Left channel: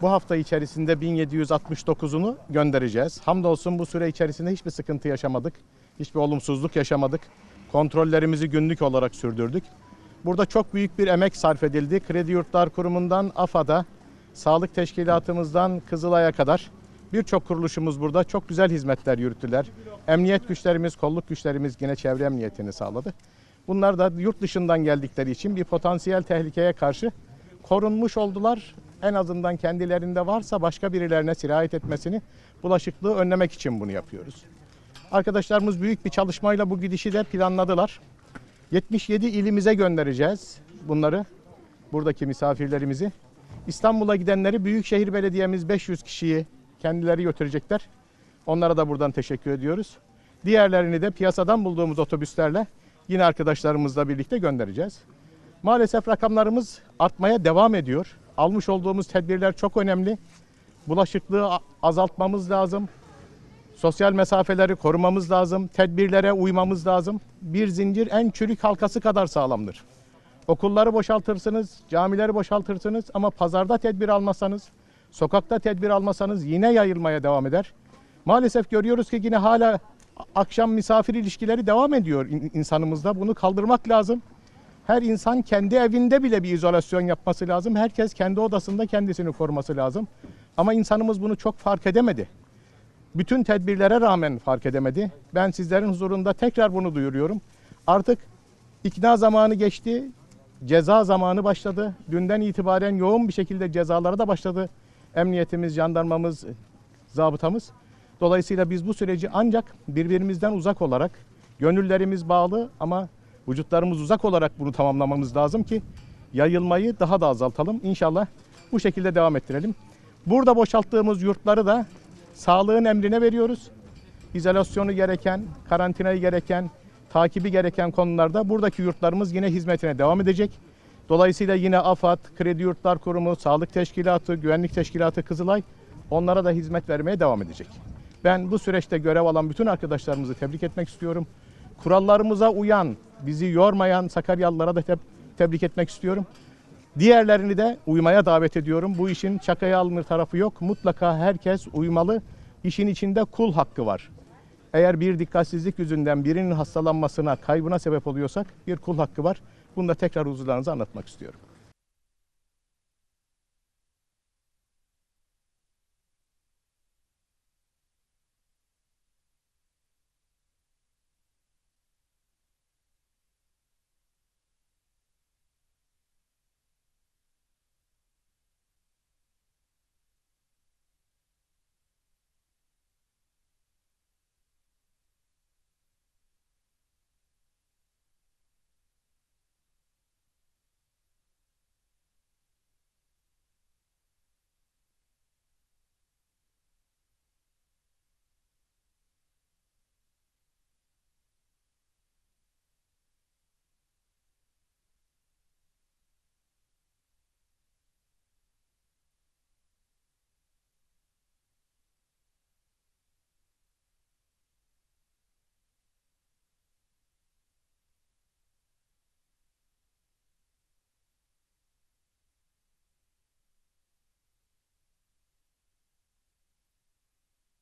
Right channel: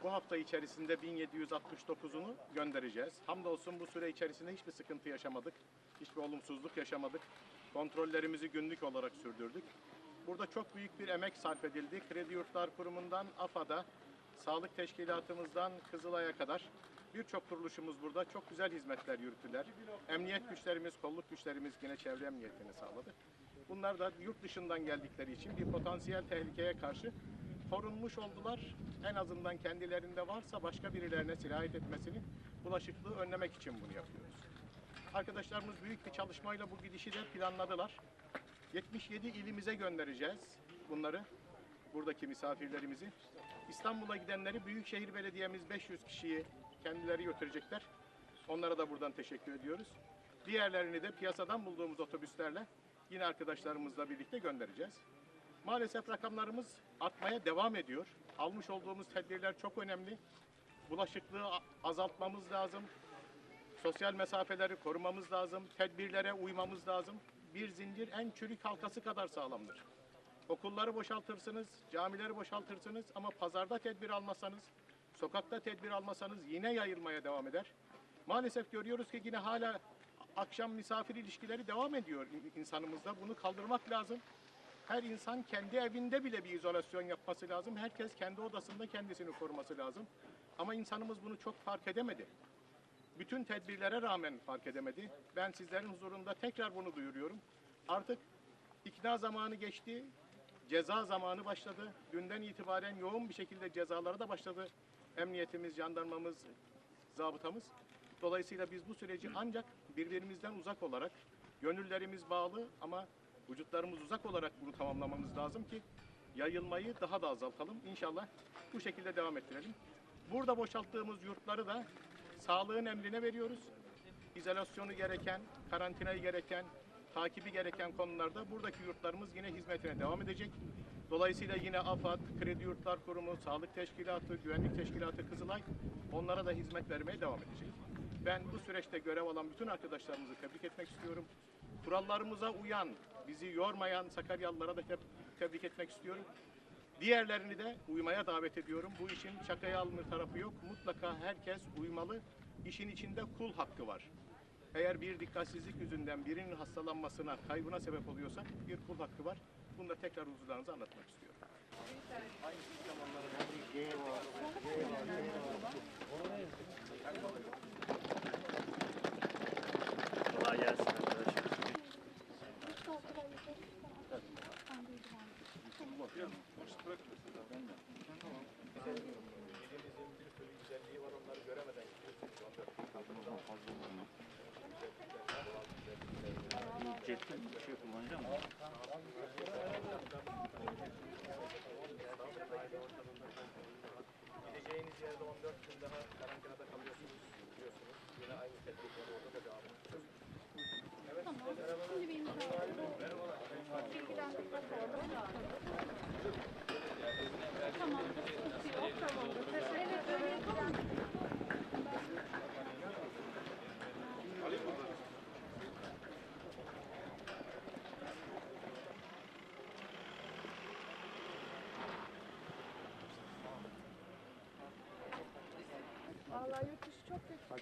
Bu hafta içerisinde 1769'unu göndereceğiz. Hamdolsun bu süre içerisinde hiçbir sıkıntı yaşamadık. Hiçbir olumsuzluk yaşamadık. Kontrollerimizi günlük olarak sürdürdük. Burada çok büyük bir emek sarf edildi. Kredi Yurtlar Kurumu'ndan AFA'da, sağlık teşkilatımızdan Kızılay'a kadar birçok kuruluşumuz burada çok güzel hizmetler yürüttüler. Emniyet güçlerimiz, kolluk güçlerimiz yine çevre emniyetini sağladı. Bunlar da yurt dışından geldikleri için bir potansiyel tehlikeye karşı korunmuş oldular. En azından kendilerinde varsa başka birilerine sirayet etmesini, bulaşıklığı önlemek için bunu yapıyoruz. Arkadaşlarımız büyük bir çalışmayla bu gidişi de planladılar. 77 ilimize göndereceğiz bunları, buradaki misafirlerimizi. İstanbul'a gidenleri Büyükşehir Belediye'miz 500 kişiyi kendileri götürecekler. Onlara da buradan teşekkür ediyoruz. Diğerlerini de piyasadan bulduğumuz otobüslerle yine arkadaşlarımızla birlikte göndereceğiz. Maalesef rakamlarımız artmaya devam ediyor. Almış olduğumuz tedbirler çok önemli. Bulaşıklığı azaltmamız lazım. Sosyal mesafeleri korumamız lazım. Tedbirlere uymamız lazım. Bir zincir en çürük halkası kadar sağlamdır. Okulları boşaltırsınız, camileri boşaltırsınız ama pazarda tedbir almasanız, sokakta tedbir almasanız yine yayılmaya devam eder. Maalesef görüyoruz ki yine hala akşam misafir ilişkileri devam ediyor in- insanımızda. Bunu kaldırmak lazım. Her insan kendi evinde bile bir izolasyon yapması lazım. Herkes kendi odasında kendisini koruması lazım. Ama insanımız bunu çok fark edemedi. Bütün tedbirlere rağmen fark edemedi. Ben sizlerin huzurunda tekrar bunu duyuruyorum. Artık ikna zamanı geçti. Ceza zamanı başladı. Dünden itibaren yoğun bir şekilde cezalara da başladı. Emniyetimiz, jandarmamız, zabıtamız. Dolayısıyla biz bu süreci ancak birbirimizden uzak olarak, gönüllerimiz bağlı ama vücutlarımız uzak olarak bunu tamamlamamız lazım ki yayılmayı daha da azaltalım. İnşallah bu şekilde devam ettirelim. Burada boşalttığımız yurtları da sağlığın emrine veriyoruz. İzolasyonu gereken, karantinayı gereken, takibi gereken konularda buradaki yurtlarımız yine hizmetine devam edecek. Dolayısıyla yine AFAD, Kredi Yurtlar Kurumu, Sağlık Teşkilatı, Güvenlik Teşkilatı Kızılay onlara da hizmet vermeye devam edecek. Ben bu süreçte görev alan bütün arkadaşlarımızı tebrik etmek istiyorum. Kurallarımıza uyan, bizi yormayan Sakaryalılara da teb- tebrik etmek istiyorum. Diğerlerini de uymaya davet ediyorum. Bu işin şakaya alınır tarafı yok. Mutlaka herkes uymalı. İşin içinde kul hakkı var. Eğer bir dikkatsizlik yüzünden birinin hastalanmasına, kaybına sebep oluyorsak bir kul hakkı var. Bunu da tekrar huzurlarınıza anlatmak istiyorum. Cepten bir şey kullanacağım mı? Gideceğiniz yerde 14 gün daha karantinada kalıyorsunuz. Biliyorsunuz. Yine aynı tedbirleri orada da devam edeceğiz.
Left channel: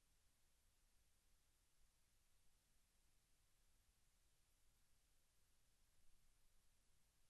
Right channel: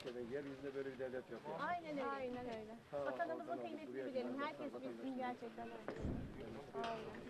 Hakikaten yeryüzünde böyle bir devlet yok. ya. Aynen öyle. Aynen öyle. Vatanımızın kıymetini bilelim. Herkes bilsin gerçekten öyle. Aynen.